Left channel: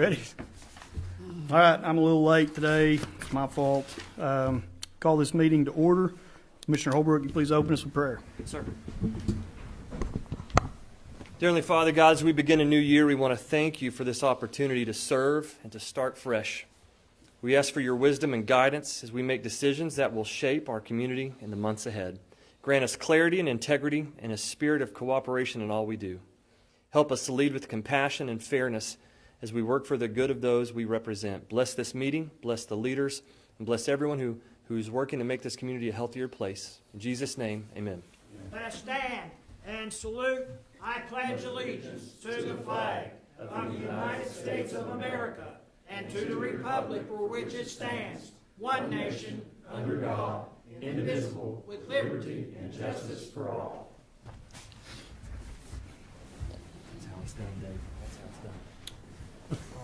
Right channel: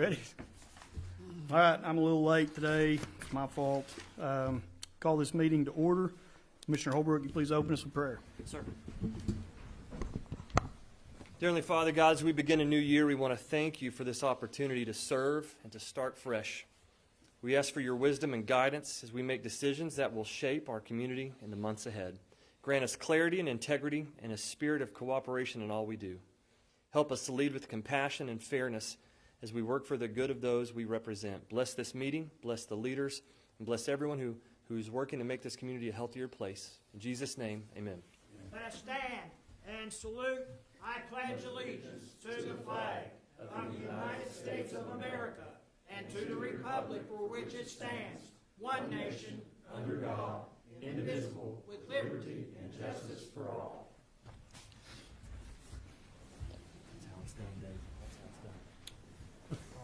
Ready? All right, I'm a little late today. It's my fault. Call this meeting to order. Commissioner Holbrook, you please open us with prayer. Yes, sir. Dear Heavenly Father, God, as we begin a new year, we want to thank you for this opportunity to serve and to start fresh. We ask for your wisdom and guidance as we make decisions that will shape our community in the months ahead. Grant us clarity and integrity and a spirit of cooperation in all we do. Help us to lead with compassion and fairness as we work for the good of those we represent. Bless this meeting, bless the leaders, and bless everyone who's working to make this community a healthier place. In Jesus' name, amen. Let us stand and salute. I pledge allegiance to the flag of the United States of America and to the republic for which it stands, one nation, under God, indivisible, with liberty and justice for all.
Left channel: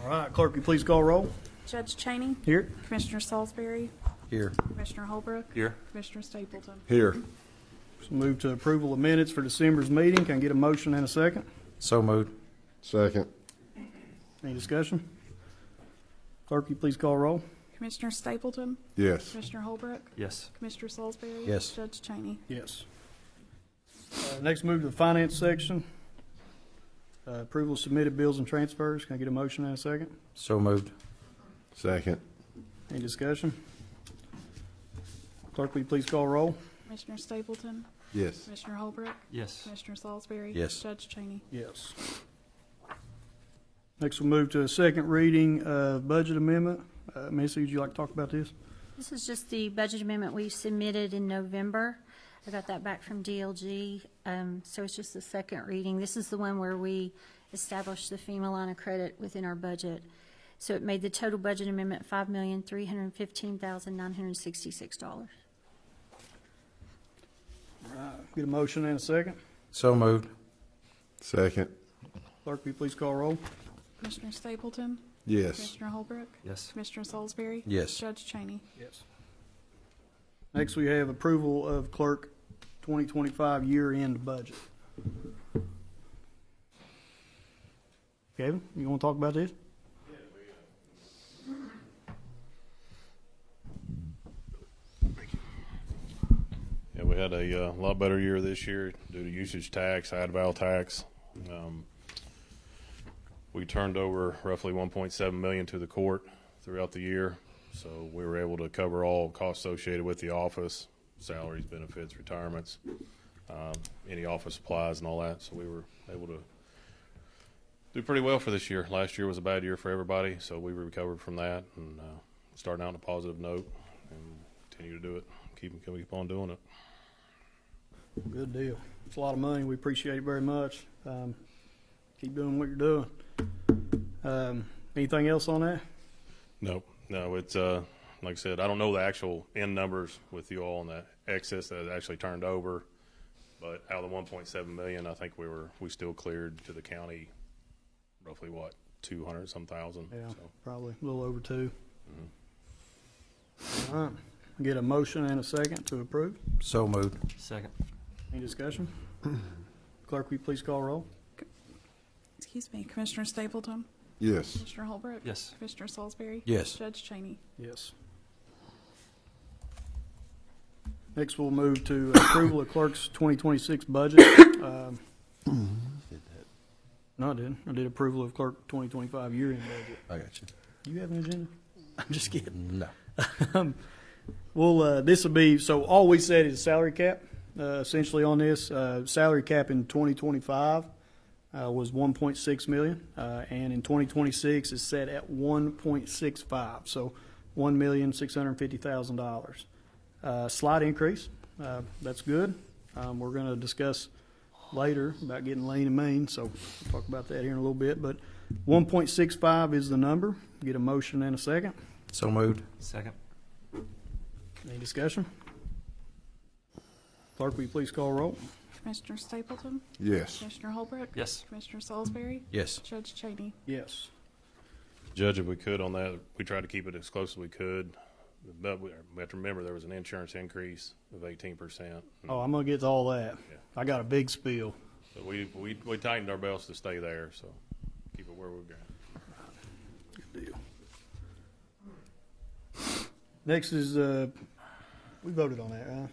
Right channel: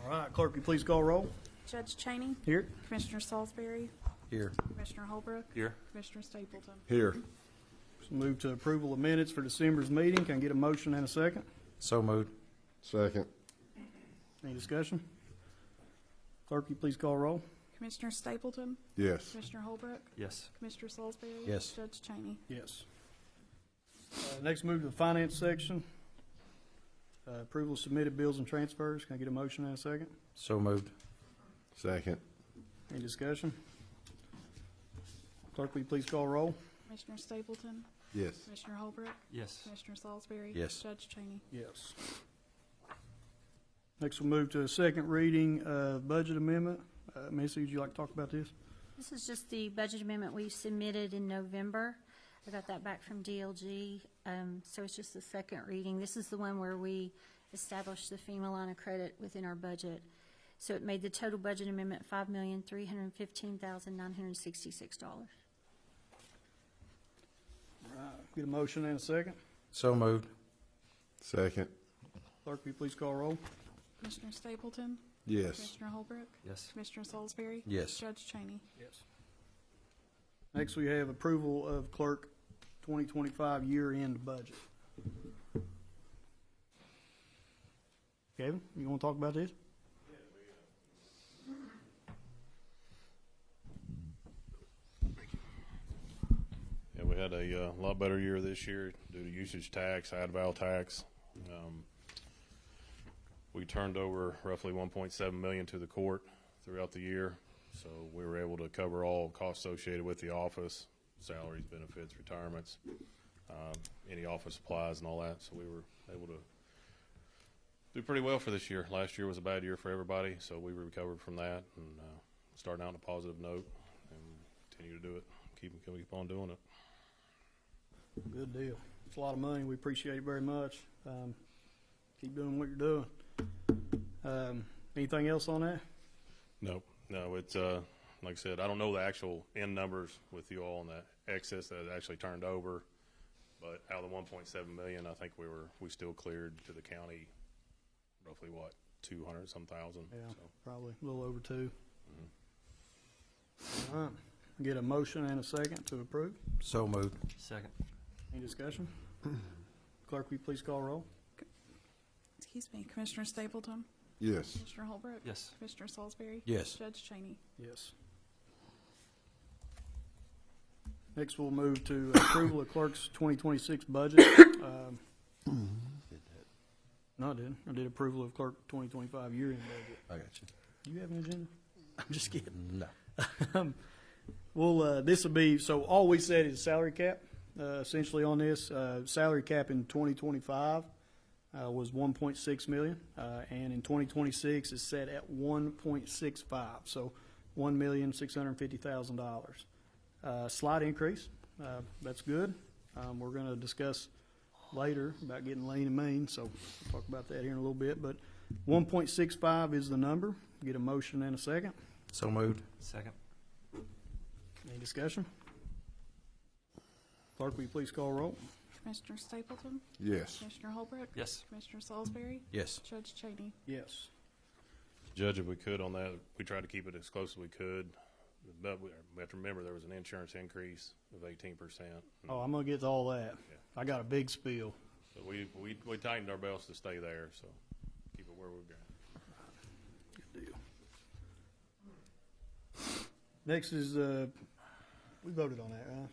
All right, clerk, will you please call roll? Judge Cheney. Here. Commissioner Salisbury. Here. Commissioner Holbrook. Here. Commissioner Stapleton. Here. So move to approval of minutes for December's meeting. Can I get a motion and a second? So moved. Second. Any discussion? Clerk, will you please call roll? Commissioner Stapleton. Yes. Commissioner Holbrook. Yes. Commissioner Salisbury. Yes. Judge Cheney. Yes. Next, move to the finance section. Approval of submitted bills and transfers. Can I get a motion and a second? So moved. Second. Any discussion? Clerk, will you please call roll? Commissioner Stapleton. Yes. Commissioner Holbrook. Yes. Commissioner Salisbury. Yes. Judge Cheney. Yes. Next, we'll move to a second reading of budget amendment. Missy, would you like to talk about this? This is just the budget amendment we submitted in November. I got that back from DLG, so it's just the second reading. This is the one where we established the FEMA line of credit within our budget. So it made the total budget amendment $5,315,966. Get a motion and a second. So moved. Second. Clerk, will you please call roll? Commissioner Stapleton. Yes. Commissioner Holbrook. Yes. Commissioner Salisbury. Yes. Judge Cheney. Yes. Next, we have approval of clerk 2025 year-end budget. Kevin, you want to talk about this? Yeah, we had a lot better year this year due to usage tax, ad val tax. We turned over roughly $1.7 million to the court throughout the year, so we were able to cover all costs associated with the office, salaries, benefits, retirements, any office supplies and all that. So we were able to do pretty well for this year. Last year was a bad year for everybody, so we recovered from that and starting out on a positive note and continue to do it. Keep on doing it. Good deal. It's a lot of money. We appreciate it very much. Keep doing what you're doing. Anything else on that? No, it's like I said, I don't know the actual end numbers with you all and that excess that actually turned over, but out of the 1.7 million, I think we still cleared to the county roughly 200 some thousand. Yeah, So, probably a little over 2. All right. Get a motion and a second to approve. So moved. Second. Any discussion? Clerk, will you please call roll? Excuse me. Commissioner Stapleton. Yes. Commissioner Holbrook. Yes. Commissioner Salisbury. Yes. Judge Cheney. Yes. Next, we'll move to approval of clerk's 2026 budget. No, I didn't. I did approval of clerk 2025 year-end budget. I got you. Do you have an agenda? I'm just kidding. No. Well, this will be, so all we said is salary cap, essentially on this. Salary cap in 2025 was 1.6 million, and in 2026 is set at 1.65, so $1,650,000. Slight increase. That's good. We're going to discuss later about getting lean and mean, so we'll talk about that here in a little bit. But 1.65 is the number. Get a motion and a second. So moved. Second. Any discussion? Clerk, will you please call roll? Commissioner Stapleton. Yes. Commissioner Holbrook. Yes. Commissioner Salisbury. Yes. Judge Cheney. Yes. Judge, if we could on that, we tried to keep it as close as we could, but we have to remember there was an insurance increase of 18%. Oh, I'm gonna get to all that. I got a big spiel. So we tightened our belts to stay there, so keep it where we're going. Next is, we voted on that, right?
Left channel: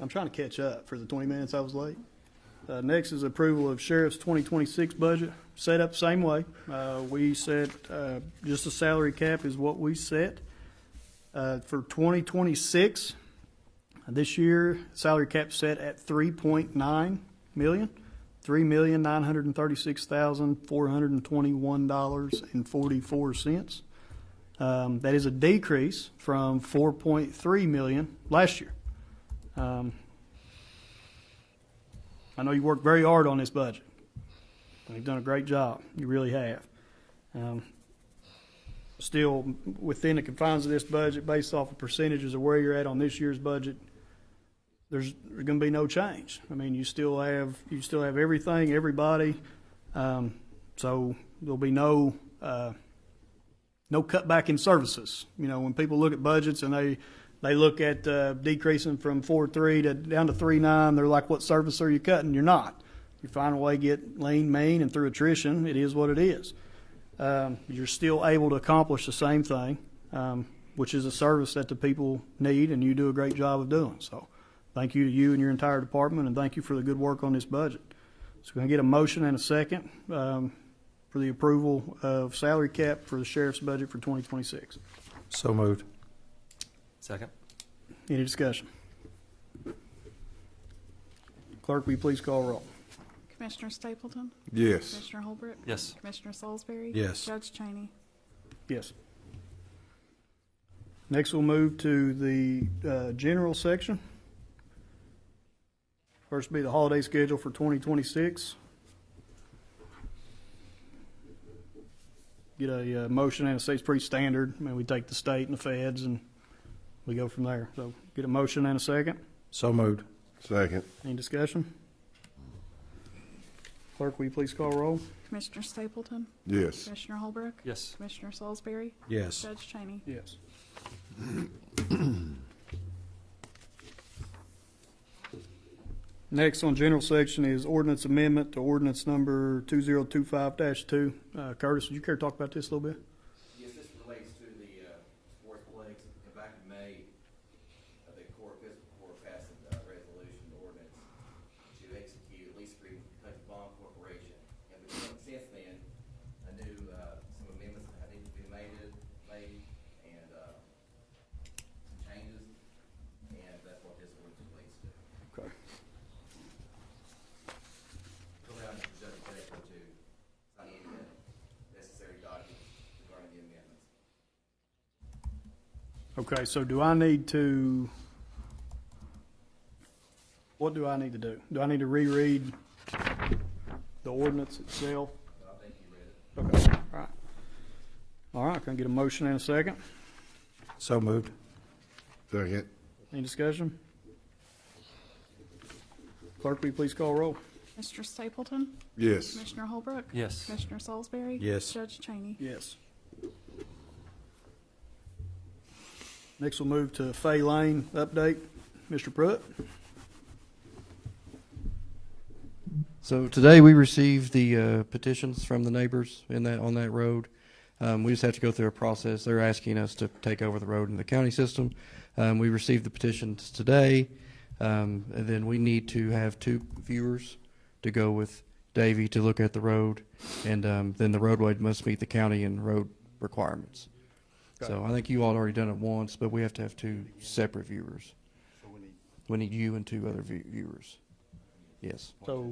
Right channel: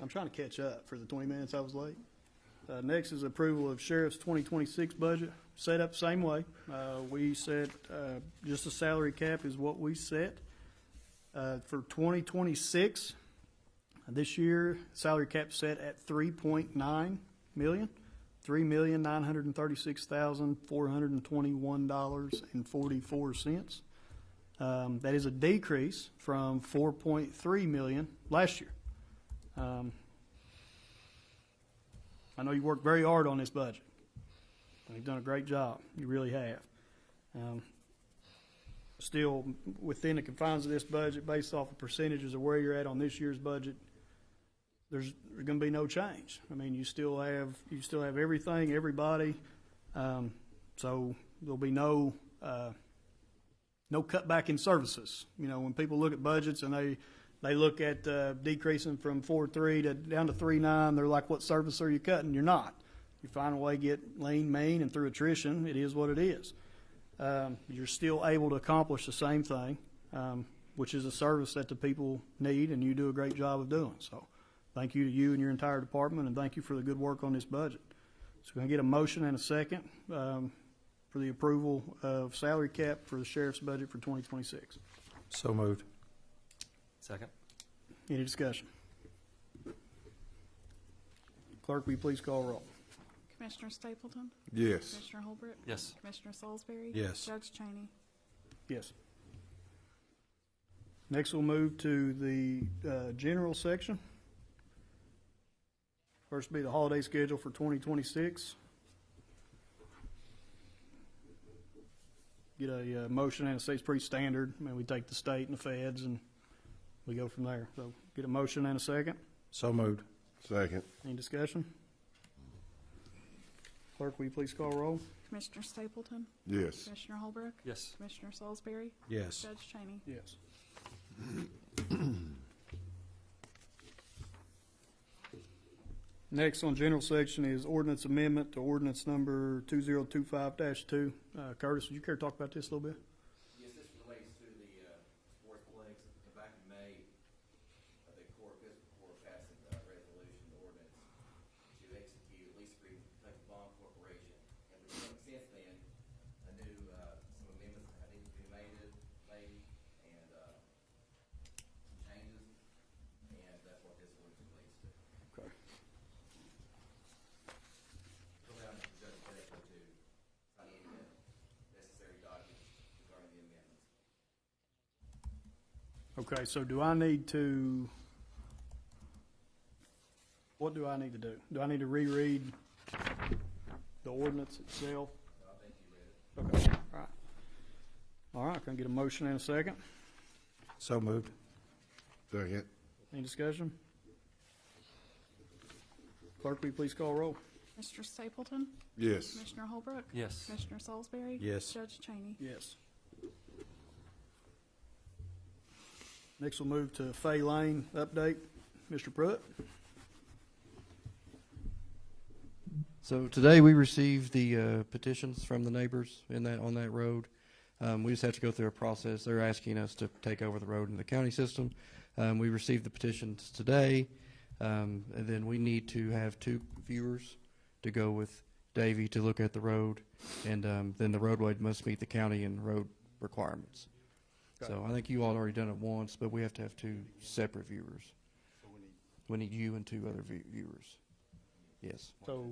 I'm trying to catch up for the 20 minutes I was late. Next is approval of Sheriff's 2026 budget, set up same way. We set, just a salary cap is what we set. For 2026, this year, salary cap set at 3.9 million, $3,936,421.44. That is a decrease from 4.3 million last year. I know you worked very hard on this budget. You've done a great job. You really have. Still, within the confines of this budget, based off of percentages of where you're at on this year's budget, there's going to be no change. I mean, you still have everything, everybody. So there'll be no cutback in services. You know, when people look at budgets and they look at decreasing from 4.3 to down to 3.9, they're like, what service are you cutting? You're not. You find a way to get lean, mean, and through attrition, it is what it is. You're still able to accomplish the same thing, which is a service that the people need, and you do a great job of doing. So thank you to you and your entire department, and thank you for the good work on this budget. So we're going to get a motion and a second for the approval of salary cap for the sheriff's budget for 2026. So moved. Second. Any discussion? Clerk, will you please call roll? Commissioner Stapleton? Yes. Commissioner Holbrook? Yes. Commissioner Salisbury? Yes. Judge Cheney? Yes. Next, we'll move to the general section. First will be the holiday schedule for 2026. Get a motion, and it's pretty standard. I mean, we take the state and the feds, and we go from there. So get a motion and a second. So moved. Second. Any discussion? Clerk, will you please call roll? Commissioner Stapleton? Yes. Commissioner Holbrook? Yes. Commissioner Salisbury? Yes. Judge Cheney? Yes. Next on general section is ordinance amendment to ordinance number 2025-2. Curtis, would you care to talk about this a little bit? Yes, this relates to the sportsplex. Back in May, the Fiscal Court passed a resolution ordinance to execute at least three country bond corporation. And since then, a new some amendments I think have been made, and some changes, and that's what this ordinance relates to. Okay. Go down to the judge section to sign the necessary documents regarding the amendments. Okay, so do I need to, what do I need to do? Do I need to reread the ordinance itself? I think you read it. Okay, all right. All right, can I get a motion and a second? So moved. Second. Any discussion? Clerk, will you please call roll? Mr. Stapleton? Yes. Commissioner Holbrook? Yes. Commissioner Salisbury? Yes. Judge Cheney? Yes. Next, we'll move to Fay Lane update. Mr. Pruitt? So today we received the petitions from the neighbors on that road. We just have to go through a process. They're asking us to take over the road in the county system. We received the petitions today, and then we need to have 2 viewers to go with Davey to look at the road, and then the roadway must meet the county and road requirements. Okay. So I think you all had already done it once, but we have to have 2 separate viewers. We need you and 2 other viewers. Yes. So,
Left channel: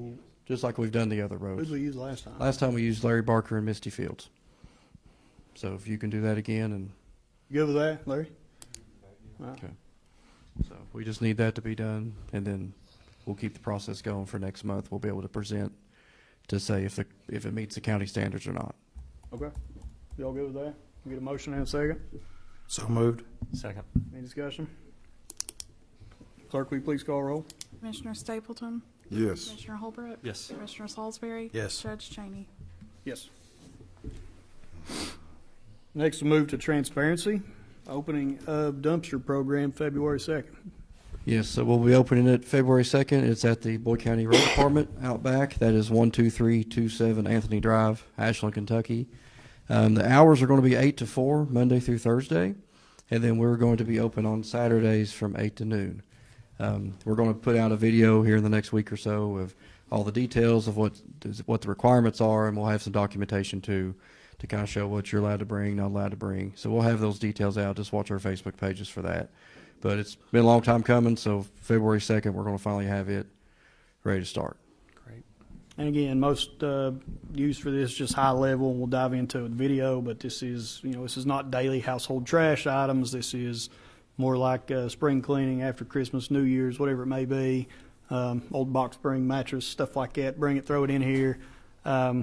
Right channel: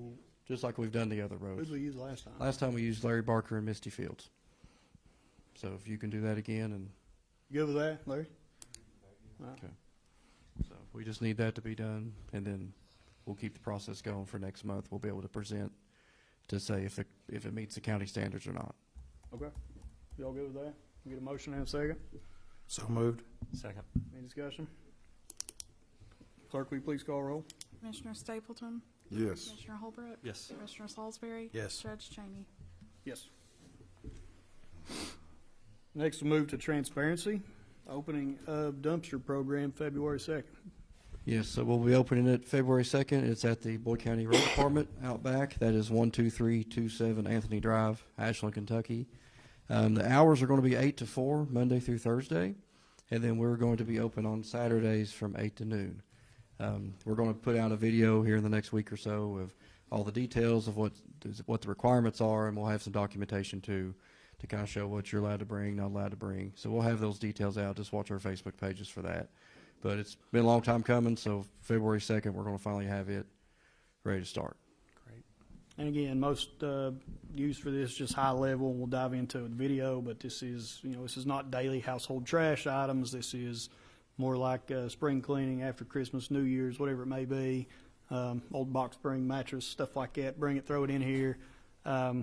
Just like we've done the other who roads. did we use last time? Last time we used Larry Barker and Misty Fields. So if you can do that again, and You good with that, Larry? All right. okay. So we just need that to be done, and then we'll keep the process going for next month. We'll be able to present to say if it meets the county standards or not. Okay. Y'all good with that? Get a motion and a second? So moved. Second. Any discussion? Clerk, will you please call roll? Commissioner Stapleton? Yes. Commissioner Holbrook? Yes. Commissioner Salisbury? Yes. Judge Cheney? Yes. Next, we'll move to transparency. Opening of dumpster program February 2nd. Yes, so we'll be opening it February 2nd. It's at the Boyd County Road Department out back. That is 12327 Anthony Drive, Ashland, Kentucky. The hours are going to be 8 to 4, Monday through Thursday. and then we're going to be open on Saturdays from 8 to noon. We're going to put out a video here in the next week or so of all the details of what the requirements are, and we'll have some documentation too to kind of show what you're allowed to bring, not allowed to bring. So we'll have those details out. Just watch our Facebook pages for that. But it's been a long time coming, so February 2nd, we're going to finally have it ready to start. And again, most use for this just high level. We'll dive into it with video, but this is not daily household trash items. This is more like spring cleaning after Christmas, New Year's, whatever it may be. Old box spring mattress, stuff like that. Bring it, throw it in here. A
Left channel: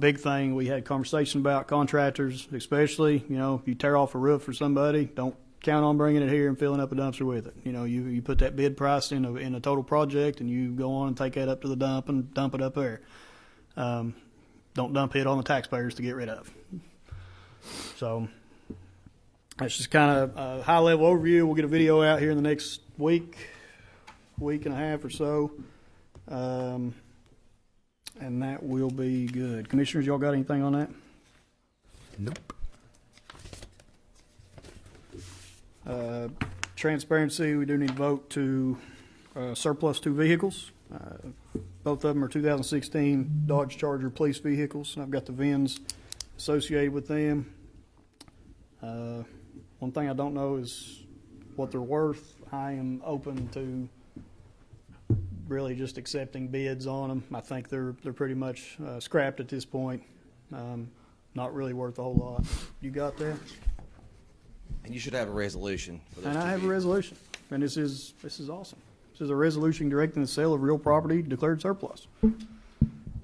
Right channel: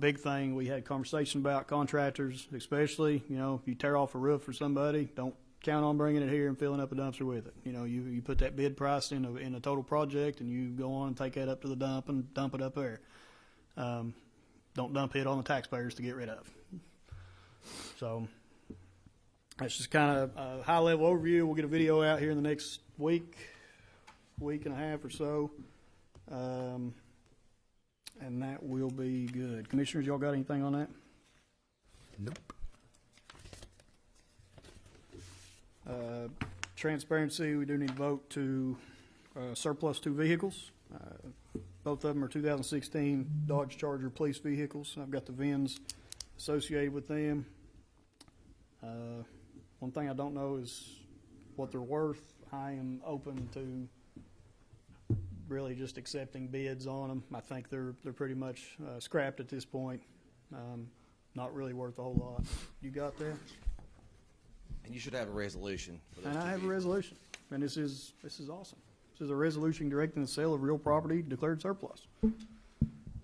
big thing we had conversation about, contractors especially. If you tear off a roof for somebody, don't count on bringing it here and filling up a dumpster with it. You put that bid price in a total project, and you go on and take that up to the dump and dump it up there. Don't dump it on the taxpayers to get rid of. So that's just kind of a high-level overview. We'll get a video out here in the next week and a half or so, and that will be good. Commissioners, y'all got anything on that? Nope. Transparency, we do need to vote to surplus 2 vehicles. Both of them are 2016 Dodge Charger police vehicles, and I've got the VINs associated with them. One thing I don't know is what they're worth. I am open to really just accepting bids on them. I think they're pretty much scrapped at this point. Not really worth a whole lot. You got that? And you should have a resolution for those And I two have a vehicles. resolution, and this is awesome. This is a resolution directing the sale of real property declared surplus.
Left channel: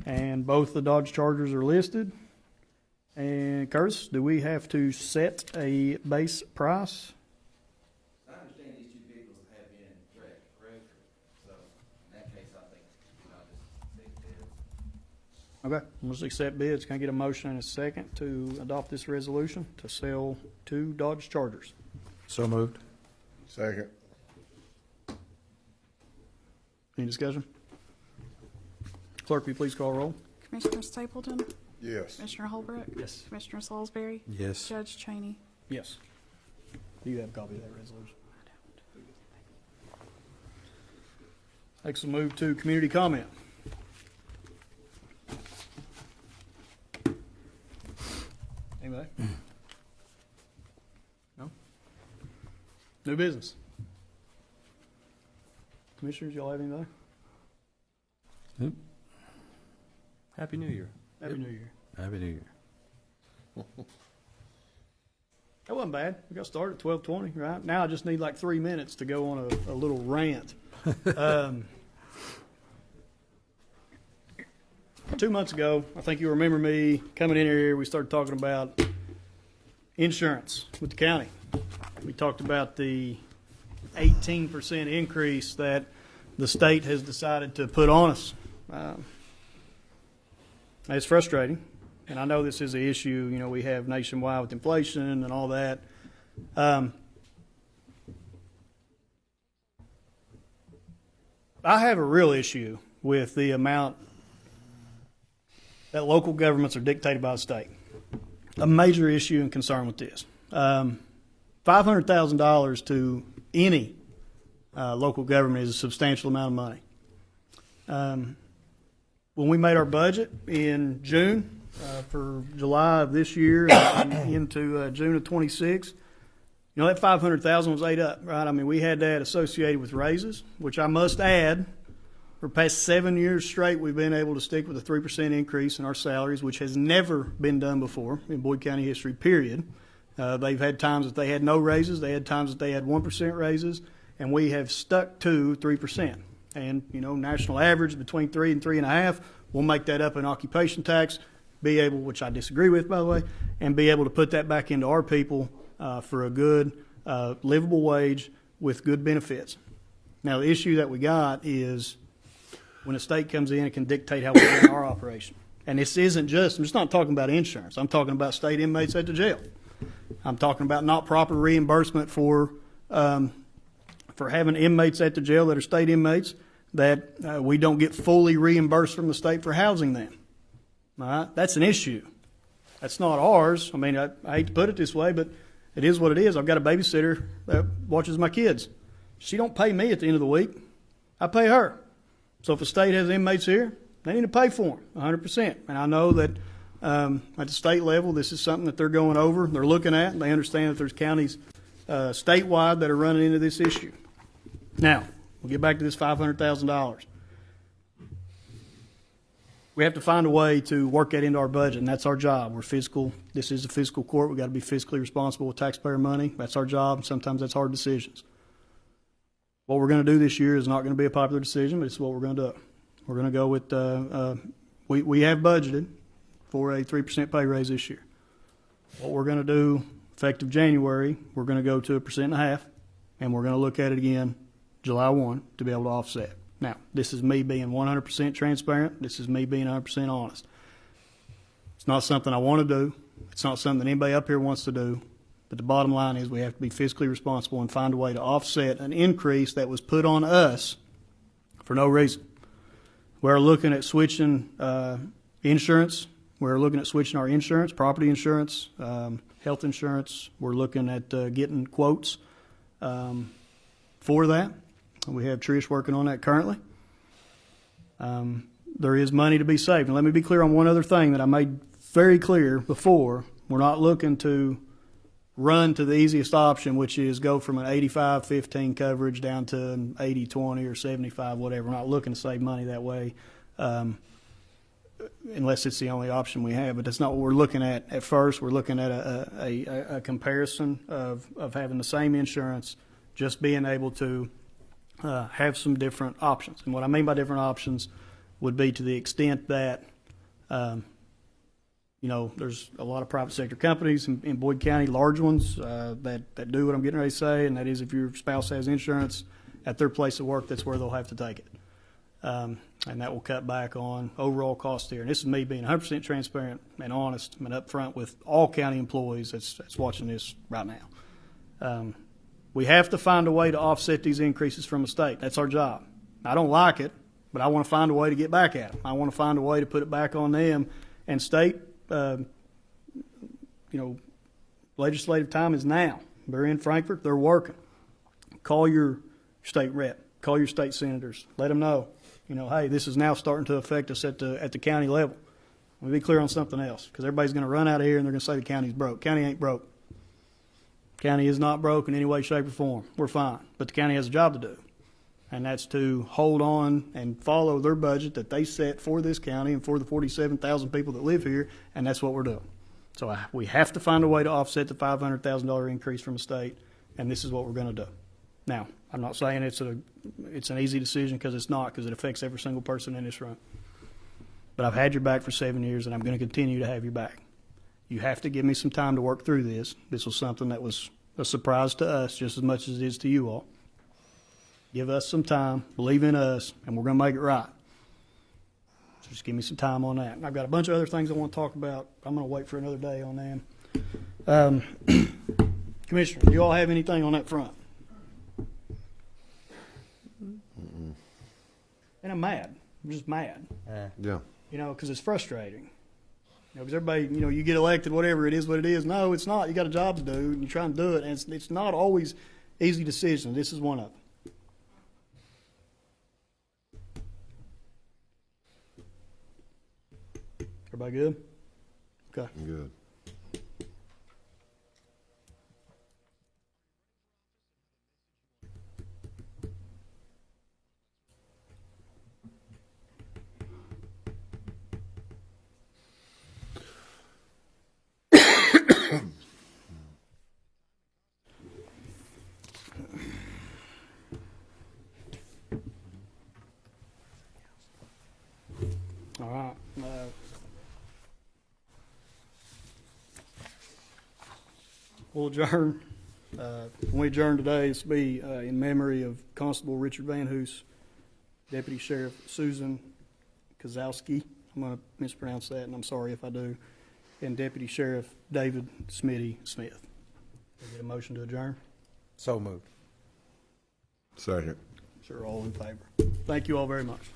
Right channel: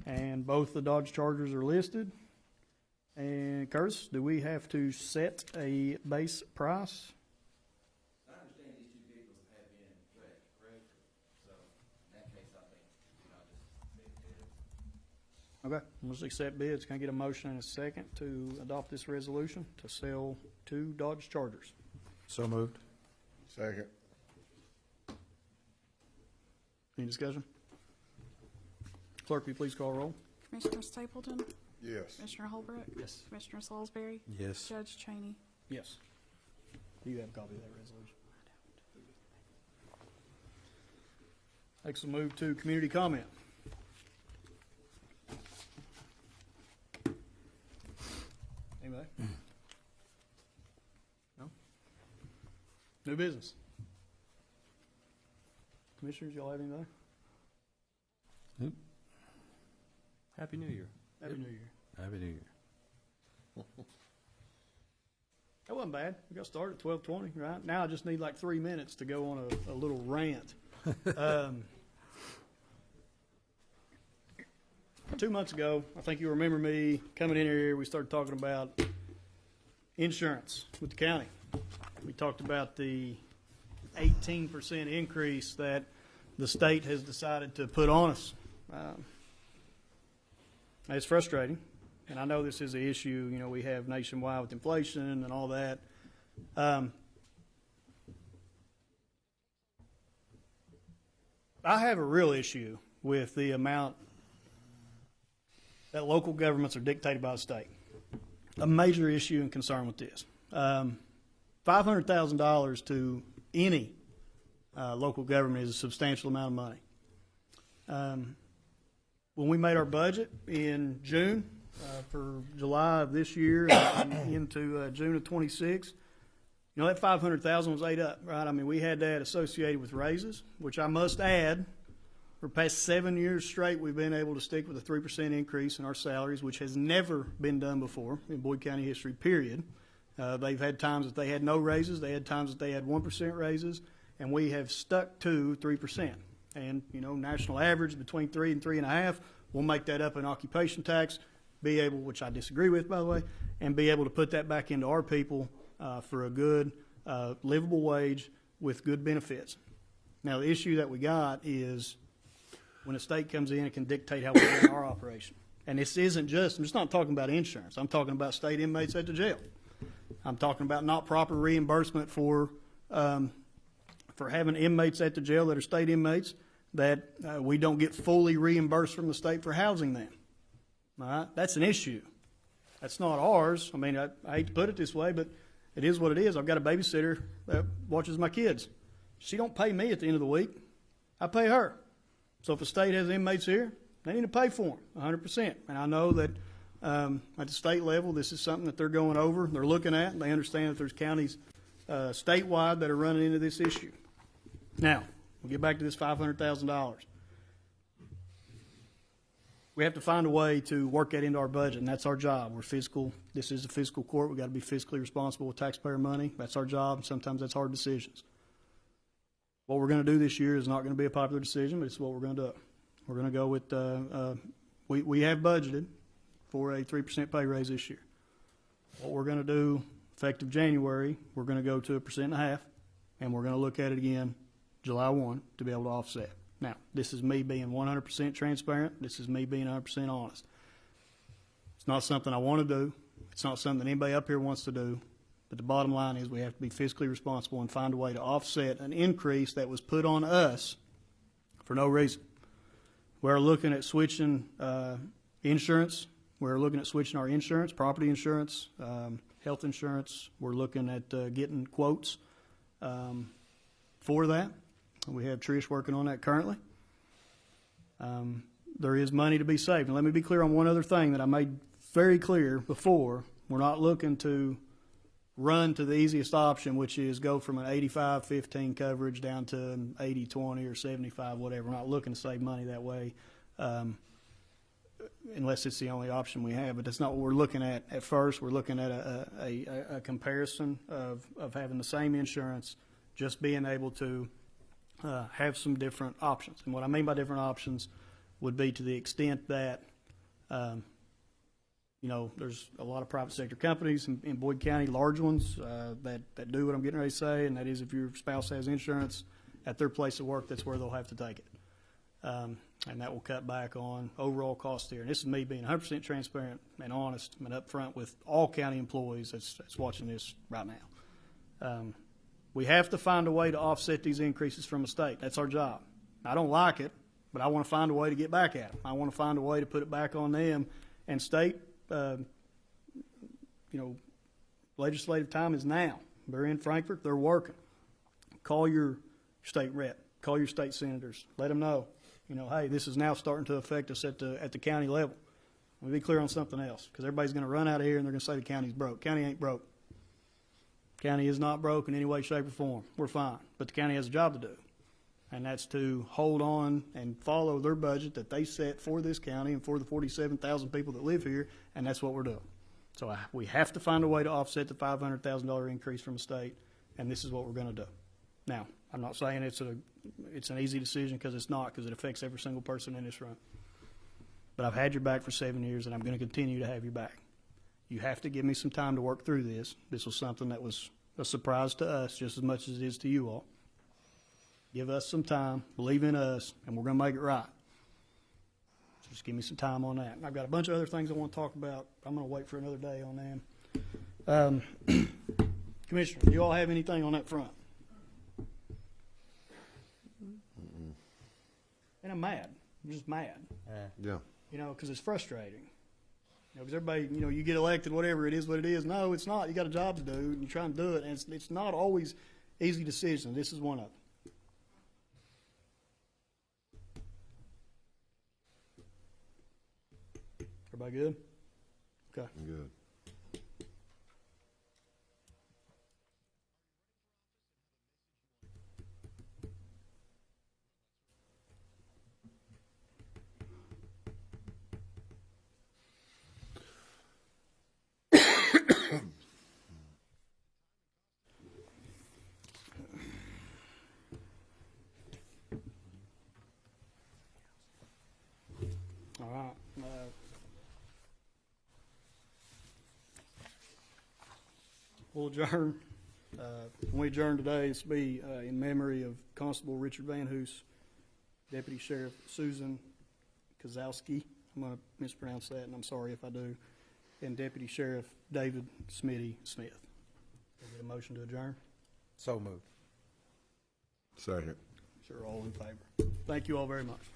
And both the Dodge Chargers are listed. And Curtis, do we have to set a base price? I understand these two vehicles have been correct? So in that case, I think I'll just take bids. Okay, let's accept bids. Can I get a motion and a second to adopt this resolution to sell 2 Dodge Chargers? So moved. Second. Any discussion? Clerk, will you please call roll? Commissioner Stapleton? Yes. Commissioner Holbrook? Yes. Commissioner Salisbury? Yes. Judge Cheney? Yes. Do you have a copy of that resolution? Next, we'll move to community comment. Anybody? No? New business. Commissioners, y'all have anything? Nope. Happy New Year. Happy New Year. Happy New Year. That wasn't bad. We got started at 12:20, right? Now I just need like 3 minutes to go on a little rant. 2 months ago, I think you remember me coming in here, we started talking about insurance with the county. We talked about the 18% increase that the state has decided to put on us. It's frustrating, and I know this is an issue, we have nationwide with inflation and all that. I have a real issue with the amount that local governments are dictated by the state. A major issue and concern with this. $500,000 to any local government is a substantial amount of money. When we made our budget in June for July of this year and into June of 26, that $500,000 was ate up, right? I mean, we had that associated with raises, which I must add, for the past 7 years straight, we've been able to stick with a 3% increase in our salaries, which has never been done before in Boyd County history, period. They've had times that they had no raises. They had times that they had 1% raises, and we have stuck to 3%. And, national average between 3 and 3.5. We'll make that up in occupation tax, be able, which I disagree with, by the way, and be able to put that back into our people for a good, livable wage with good benefits. Now, the issue that we got is when a state comes in, it can dictate how we run our operation. And this isn't just, I'm just not talking about insurance. I'm talking about state inmates at the jail. I'm talking about not proper reimbursement for having inmates at the jail that are state inmates that we don't get fully reimbursed from the state for housing them. All right? That's an issue. That's not ours. I mean, I hate to put it this way, but it is what it is. I've got a babysitter that watches my kids. She don't pay me at the end of the week. I pay her. So if the state has inmates here, they need to pay for them 100%. And I know that at the state level, this is something that they're going over, they're looking at, and they understand that there's counties statewide that are running into this issue. Now, we'll get back to this $500,000. We have to find a way to work that into our budget, and that's our job. We're fiscal. This is a fiscal court. We've got to be fiscally responsible with taxpayer money. That's our job. Sometimes that's hard decisions. What we're going to do this year is not going to be a popular decision, but it's what we're going to do. We're going to go with, we have budgeted for a 3% pay raise this year. What we're going to do, effective January, we're going to go to 1.5%, and we're going to look at it again July 1 to be able to offset. Now, this is me being 100% transparent. This is me being 100% honest. It's not something I want to do. It's not something that anybody up here wants to do. But the bottom line is we have to be fiscally responsible and find a way to offset an increase that was put on us for no reason. We're looking at switching insurance. We're looking at switching our insurance, property insurance, health insurance. We're looking at getting quotes for that. We have Trish working on that currently. There is money to be saved. And let me be clear on one other thing that I made very clear before. We're not looking to run to the easiest option, which is go from an 85-15 coverage down to an 80-20 or 75, whatever. We're not looking to save money that way, unless it's the only option we have. But that's not what we're looking at first. We're looking at a comparison of having the same insurance, just being able to have some different options. And what I mean by different options would be to the extent that, there's a lot of private sector companies in Boyd County, large ones, that do what I'm getting ready to say, and that is if your spouse has insurance at their place of work, that's where they'll have to take it. And that will cut back on overall cost there. And this is me being 100% transparent and honest and upfront with all county employees that's watching this right now. We have to find a way to offset these increases from the state. That's our job. I don't like it, but I want to find a way to get back at them. I want to find a way to put it back on them. And state, legislative time is now. They're in Frankfurt. They're working. Call your state rep. Call your state senators. Let them know, hey, this is now starting to affect us at the county level. Let me be clear on something else, because everybody's going to run out of here and they're going to say the county's broke. County ain't broke. County is not broke in any way, shape, or form. We're fine. But the county has a job to do, and that's to hold on and follow their budget that they set for this county and for the 47,000 people that live here, and that's what we're doing. So we have to find a way to offset the $500,000 increase from the state, and this is what we're going to do. Now, I'm not saying it's an easy decision, because it's not, because it affects every single person in this room. But I've had your back for 7 years, and I'm going to continue to have your back. You have to give me some time to work through this. This was something that was a surprise to us just as much as it is to you all. Give us some time, believe in us, and we're going to make it right. So just give me some time on that. And I've got a bunch of other things I want to talk about. I'm going to wait for another day on them. Commissioner, do you all have anything on that front? And I'm mad. I'm just mad. Yeah. Because it's frustrating. Because everybody, you get elected, whatever, it is what it is. No, it's not. You got a job to do, and you try and do it, and it's not always easy decisions. This is one of them. Everybody good? Okay. Good. All right. We'll adjourn. When we adjourn today, it's to be in memory of Constable Richard Van Hoos, Deputy Sheriff Susan Kozowski. I'm going to mispronounce that, and I'm sorry if I do. And Deputy Sheriff David Smitty Smith. Can I get a motion to adjourn? So moved. Second. Sure, all in favor. Thank you all very much.